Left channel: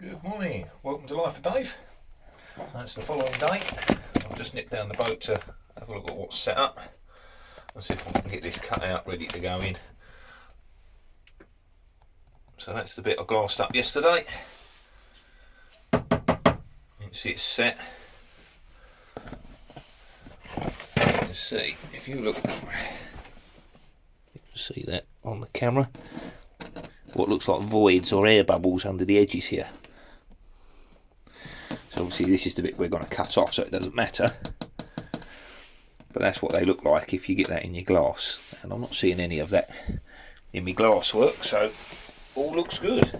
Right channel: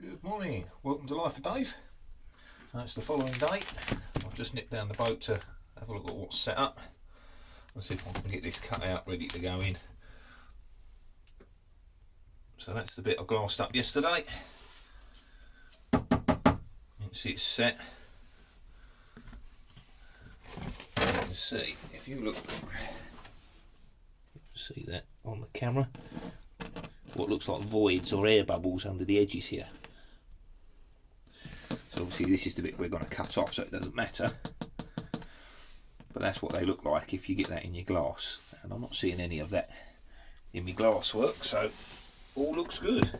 Good morning, welcome to Life of Dave. So it's the following day. I've just nipped down the boat to have a look at what's set up and see if I can get this cut out ready to go in. So that's the bit I glassed up yesterday. You can see it's set. You can see, if you look, you can see that on the camera, what looks like voids or air bubbles under the edges here. So obviously this is the bit we're going to cut off, so it doesn't matter. But that's what they look like if you get that in your glass. And I'm not seeing any of that in my glass work, so all looks good.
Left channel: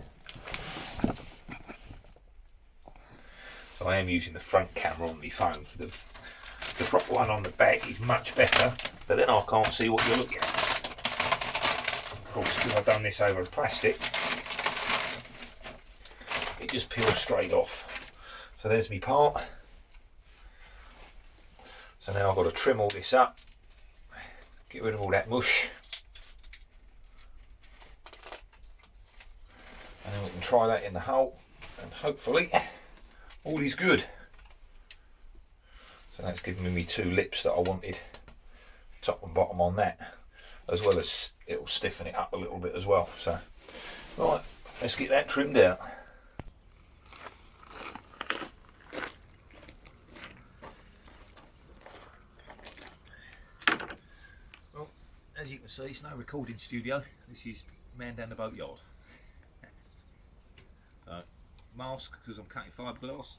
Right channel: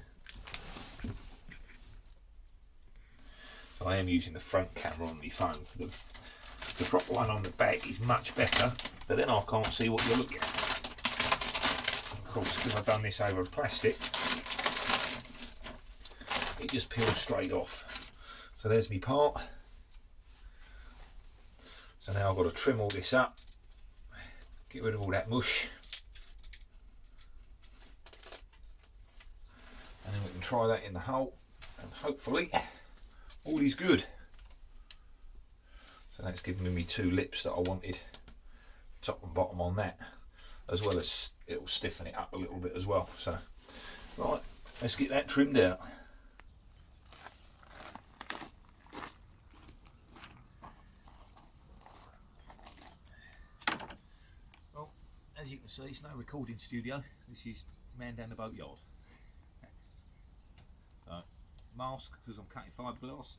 So I am using the front camera on my phone. The proper one on the back is much better, but then I can't see what you're looking at. Of course, because I've done this over plastic, it just peels straight off. So there's my part. So now I've got to trim all this up, get rid of all that mush, and then we can try that in the hole, and hopefully all is good. So that's giving me two lips that I wanted, top and bottom on that, as well as it will stiffen it up a little bit as well. So right, let's get that trimmed out. Well, as you can see, it's no recording studio. This is man down the boatyard. So, mask because I'm cutting fiberglass.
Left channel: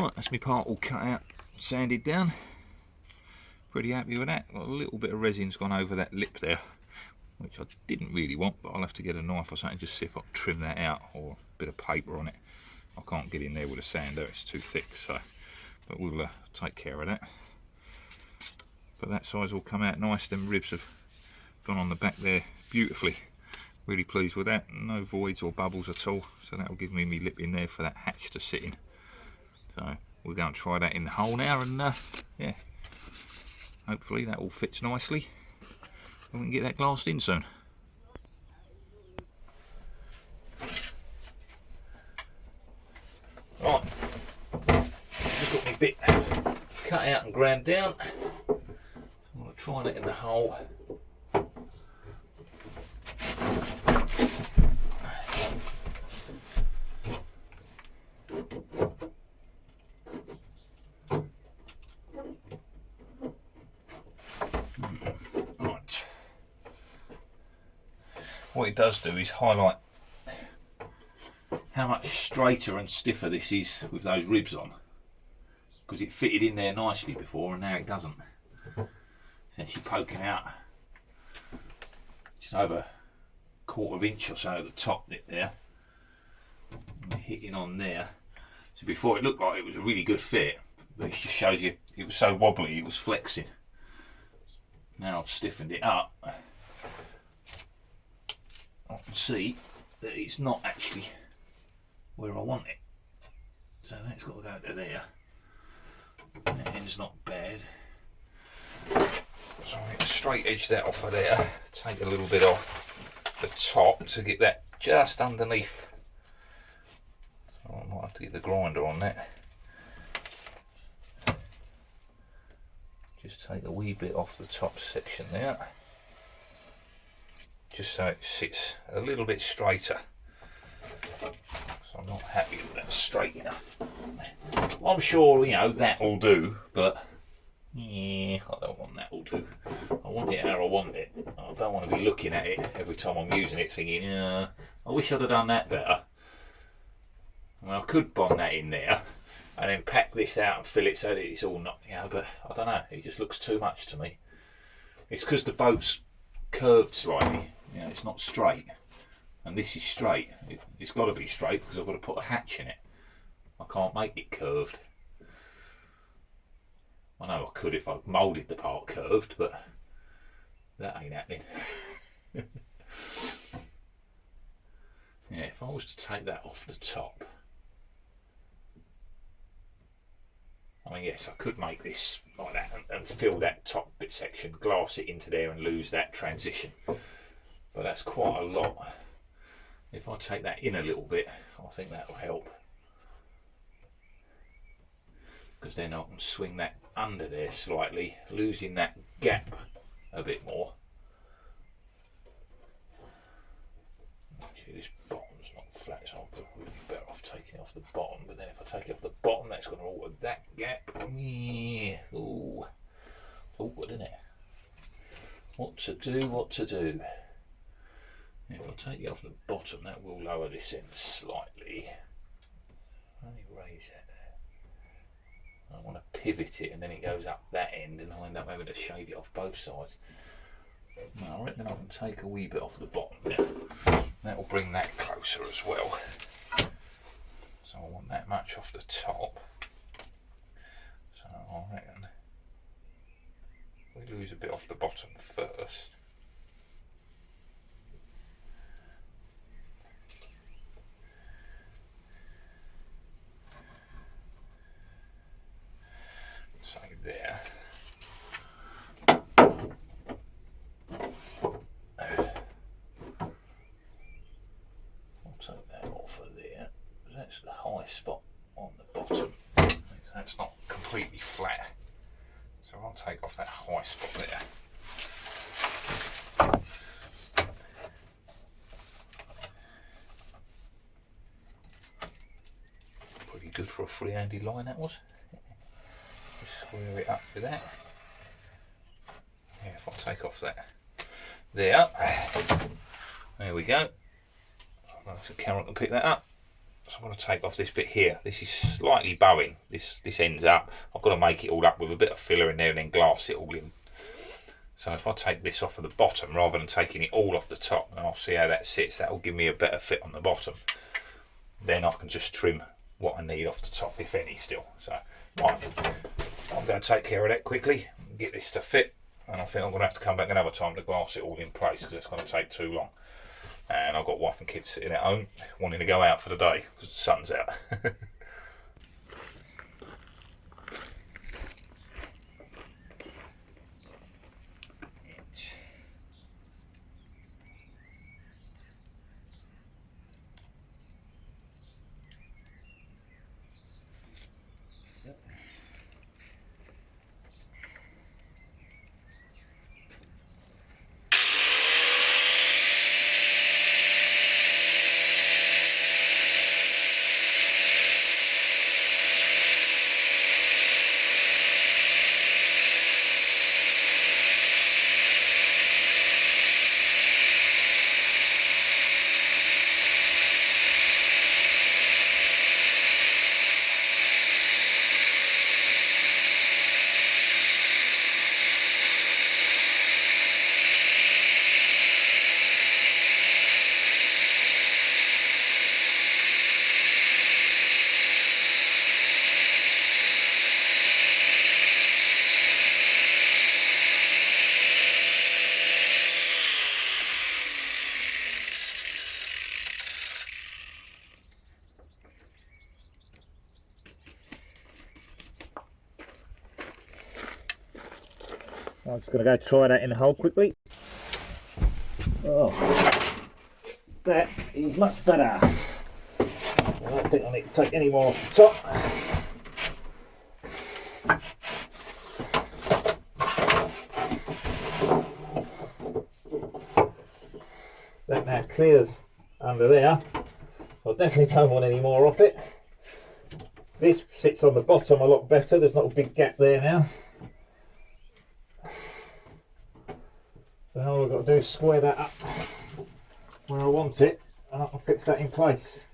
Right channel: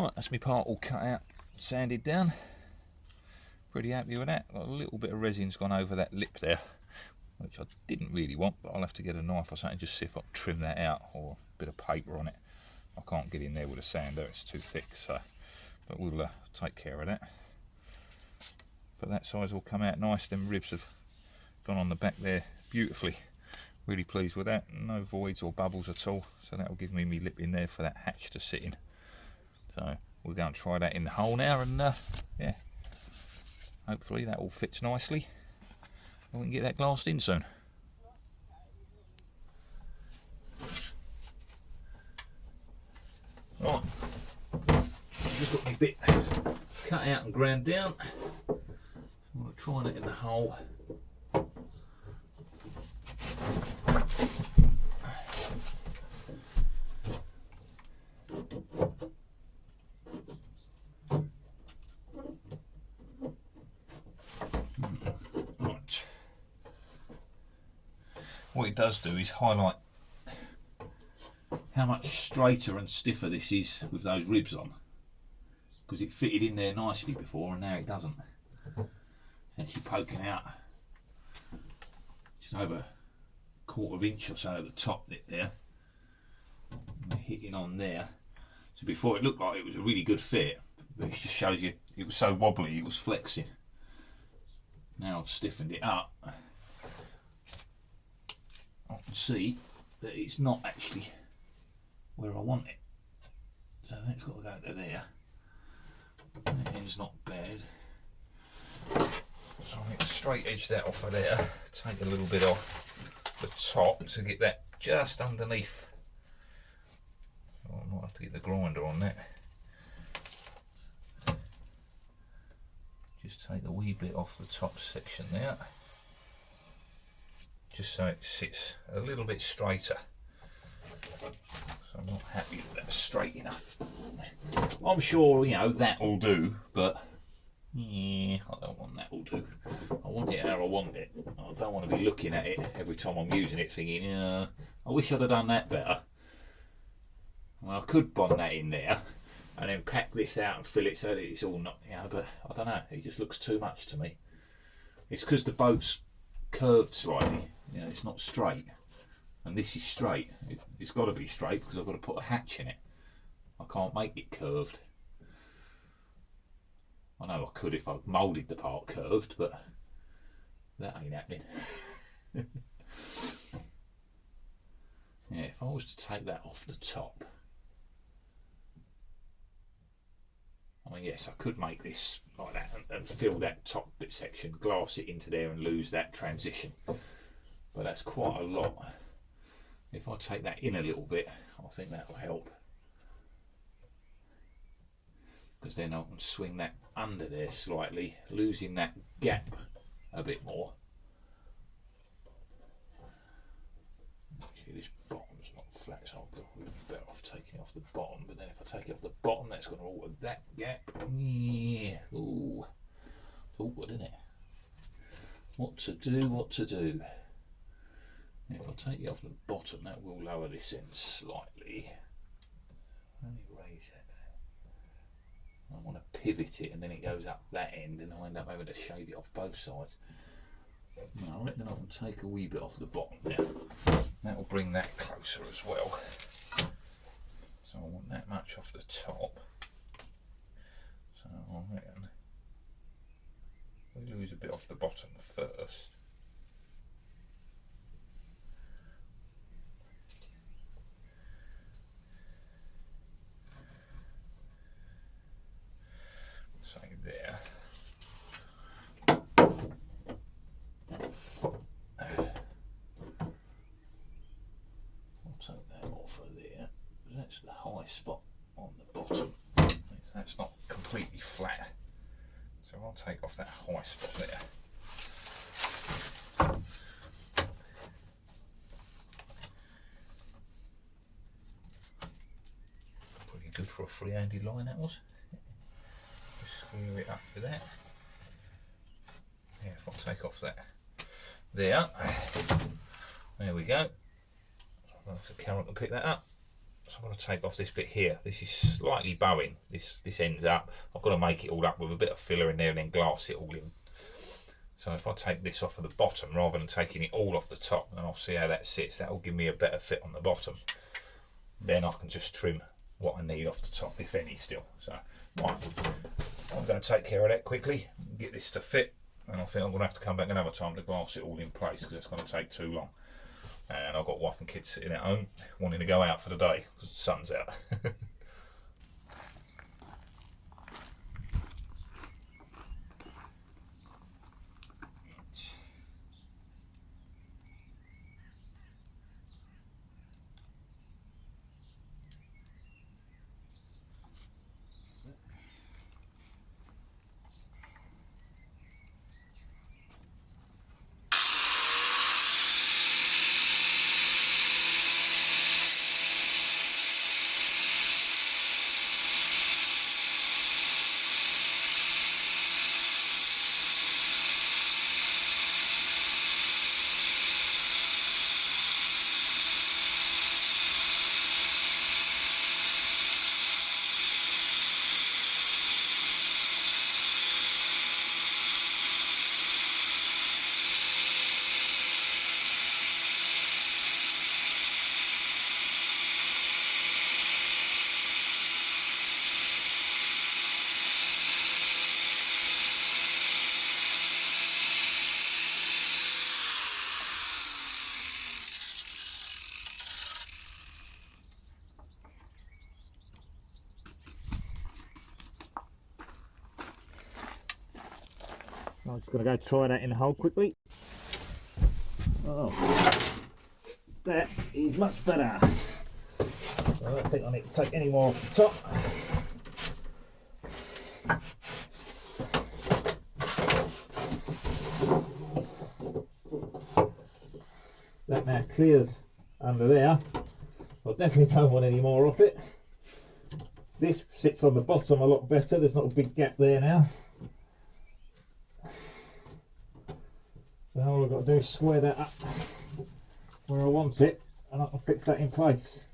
Right, that's my part all cut out, sanded down. Pretty happy with that. Got a little bit of resin's gone over that lip there, which I didn't really want, but I'll have to get a knife or something just see if I can trim that out, or a bit of paper on it. I can't get in there with a sander, it's too thick, so, but we'll take care of that. But that side's all come out nice. Them ribs have gone on the back there beautifully. Really pleased with that. No voids or bubbles at all, so that'll give me my lip in there for that hatch to sit in. So we'll go and try that in the hole now, and yeah, hopefully that all fits nicely and we can get that glassed in soon. Right, just got my bit cut out and ground down. So I'm going to try that in the hole. Right. What it does do is highlight how much straighter and stiffer this is with those ribs on, because it fitted in there nicely before and now it doesn't. It's actually poking out just over a 1/4 inch or so at the top bit there, and hitting on there. So before it looked like it was a really good fit, but it just shows you it was so wobbly it was flexing. Now I've stiffened it up, I can see that it's not actually where I want it. So that's got to go to there. That end's not bad. So I need to straight edge that off of there, take a little bit off the top to get that just underneath. So I might have to get the grinder on that. Just take a wee bit off the top section there, just so it sits a little bit straighter. So I'm not happy that that's straight enough. I'm sure, you know, that'll do, but yeah, I don't want that'll do. I want it how I want it. I don't want to be looking at it every time I'm using it thinking, I wish I'd have done that better. I mean, I could bond that in there and then pack this out and fill it so that it's all not, but I don't know, it just looks too much to me. It's because the boat's curved slightly, it's not straight, and this is straight. It's got to be straight because I've got to put a hatch in it. I can't make it curved. I know I could if I moulded the part curved, but that ain't happening. Yeah, if I was to take that off the top, I mean, yes, I could make this like that and fill that top bit section, glass it into there and lose that transition. But that's quite a lot. If I take that in a little bit, I think that will help. Because then I can swing that under there slightly, losing that gap a bit more. Actually, this bottom's not flat, so I'm really better off taking it off the bottom. But then if I take it off the bottom, that's going to alter that gap. Yeah. Ooh. It's awkward, isn't it? What to do, what to do. If I take it off the bottom, that will lower this end slightly. Let me raise that. I want to pivot it and then it goes up that end and I end up having to shave it off both sides. I reckon I can take a wee bit off the bottom there. That will bring that closer as well. So I want that much off the top. So I reckon we lose a bit off the bottom first. So there. I'll take that off of there. That's the high spot on the bottom. That's not completely flat. So I'll take off that high spot there. Pretty good for a free-handed line, that was. Square it up with that. Yeah, if I take off that there we go. So the camera can pick that up. So I'm going to take off this bit here. This is slightly bowing. This ends up. I've got to make it all up with a bit of filler in there and then glass it all in. So if I take this off of the bottom rather than taking it all off the top, and I'll see how that sits, that will give me a better fit on the bottom. Then I can just trim what I need off the top, if any, still. So right, I'm going to take care of that quickly, get this to fit, and I think I'm going to have to come back another time to glass it all in place because it's going to take too long. And I've got wife and kids sitting at home wanting to go out for the day because the sun's out. I'm just going to go try that in the hole quickly. Oh, that is much better. I don't think I need to take any more off the top. That now clears under there. I definitely don't want any more off it. This sits on the bottom a lot better. There's not a big gap there now. So all I've got to do is square that up where I want it, and I can fix that in place.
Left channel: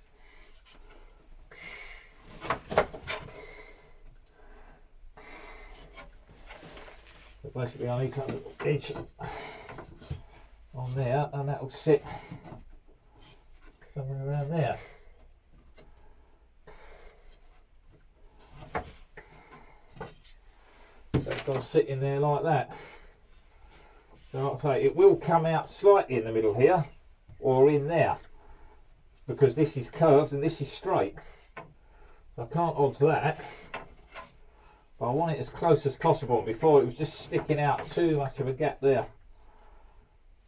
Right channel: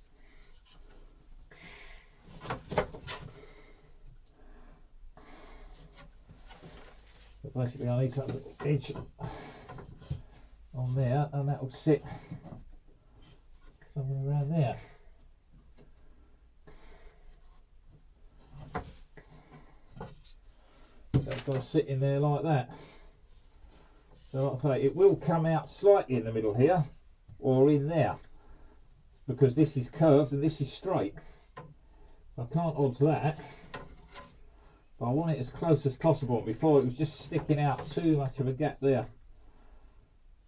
So basically I need something edge on there, and that will sit somewhere around there. That's got to sit in there like that. So like I say, it will come out slightly in the middle here, or in there, because this is curved and this is straight. I can't alter that, but I want it as close as possible. Before it was just sticking out too much of a gap there.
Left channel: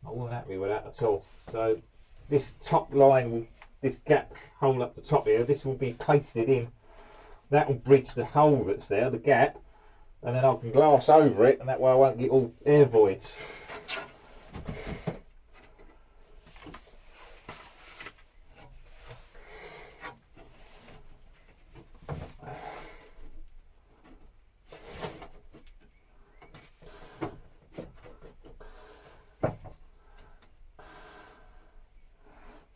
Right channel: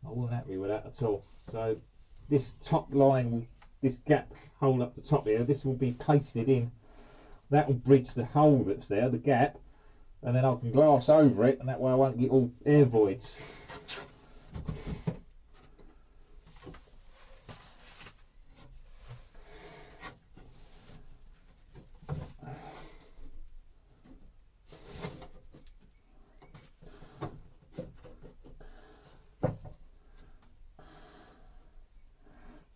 I wasn't happy with that at all. So this top line, this gap hole up the top here, this will be pasted in. That will bridge the hole that's there, the gap, and then I can glass over it, and that way I won't get all air voids.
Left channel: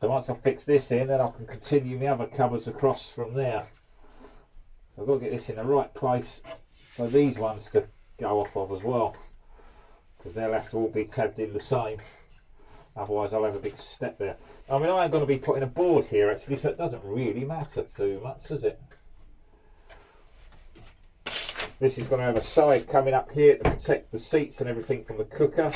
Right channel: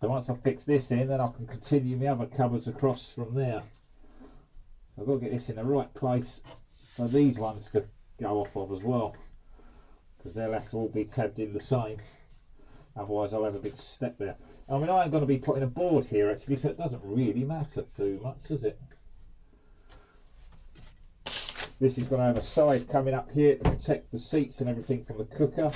So once I fix this in, then I can continue my other cupboards across from there. So I've got to get this in the right place for these ones to go off of as well, because they'll have to all be tabbed in the same, otherwise I'll have a big step there. I mean, I ain't going to be putting a board here actually, so it doesn't really matter too much, does it? This is going to have a side coming up here to protect the seats and everything from the cooker,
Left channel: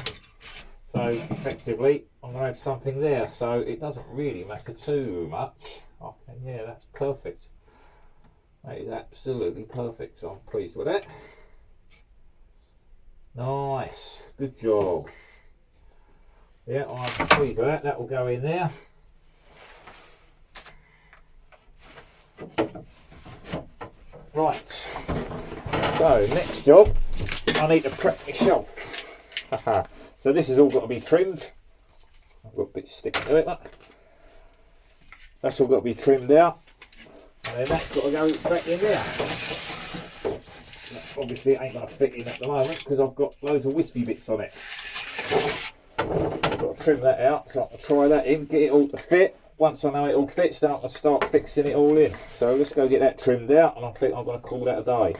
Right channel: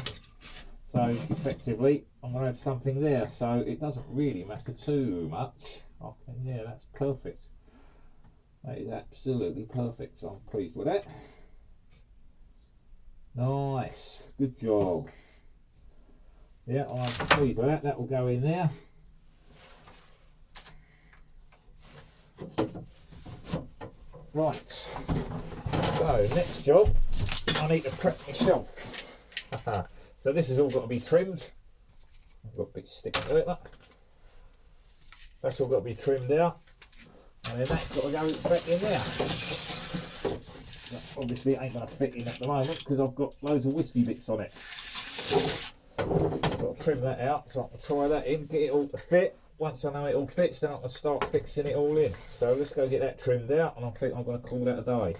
so effectively I'm going to have something there, so it doesn't really matter too much. Okay, yeah, that's perfect. That is absolutely perfect, so I'm pleased with that. Nice, good job. Yeah, I'm pleased with that. That will go in there. Right, so next job, I need to prep my shelf. So this has all got to be trimmed. I've got a bit sticking to it. That's all got to be trimmed out, and then that's got to go back in there. Obviously it ain't going to fit in at the moment because I've got loads of wispy bits on it. I've got to trim that out, so I can try that in, get it all to fit, once I know it all fits, then I can start fixing it all in. So let's go get that trimmed out, and I think I'm going to call that a day.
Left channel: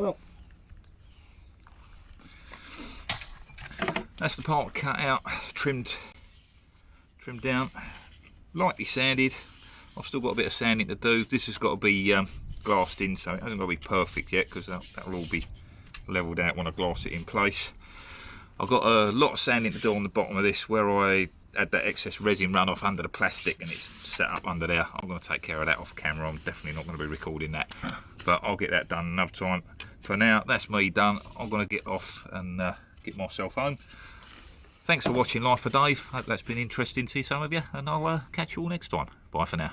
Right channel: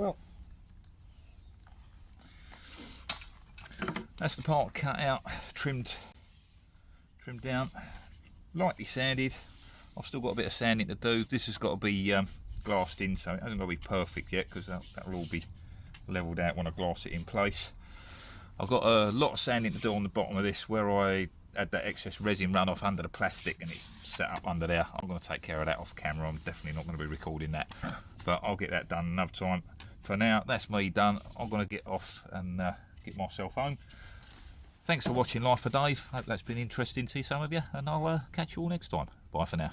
well, that's the part cut out, trimmed down, lightly sanded. I've still got a bit of sanding to do. This has got to be glassed in, so it hasn't got to be perfect yet, because that'll all be levelled out when I glass it in place. I've got a lot of sanding to do on the bottom of this, where I had that excess resin run off under the plastic and it's set up under there. I'm going to take care of that off camera. I'm definitely not going to be recording that, but I'll get that done another time. For now, that's me done. I'm going to get off and get myself home. Thanks for watching Life of Dave. Hope that's been interesting to some of you, and I'll catch you all next time. Bye for now.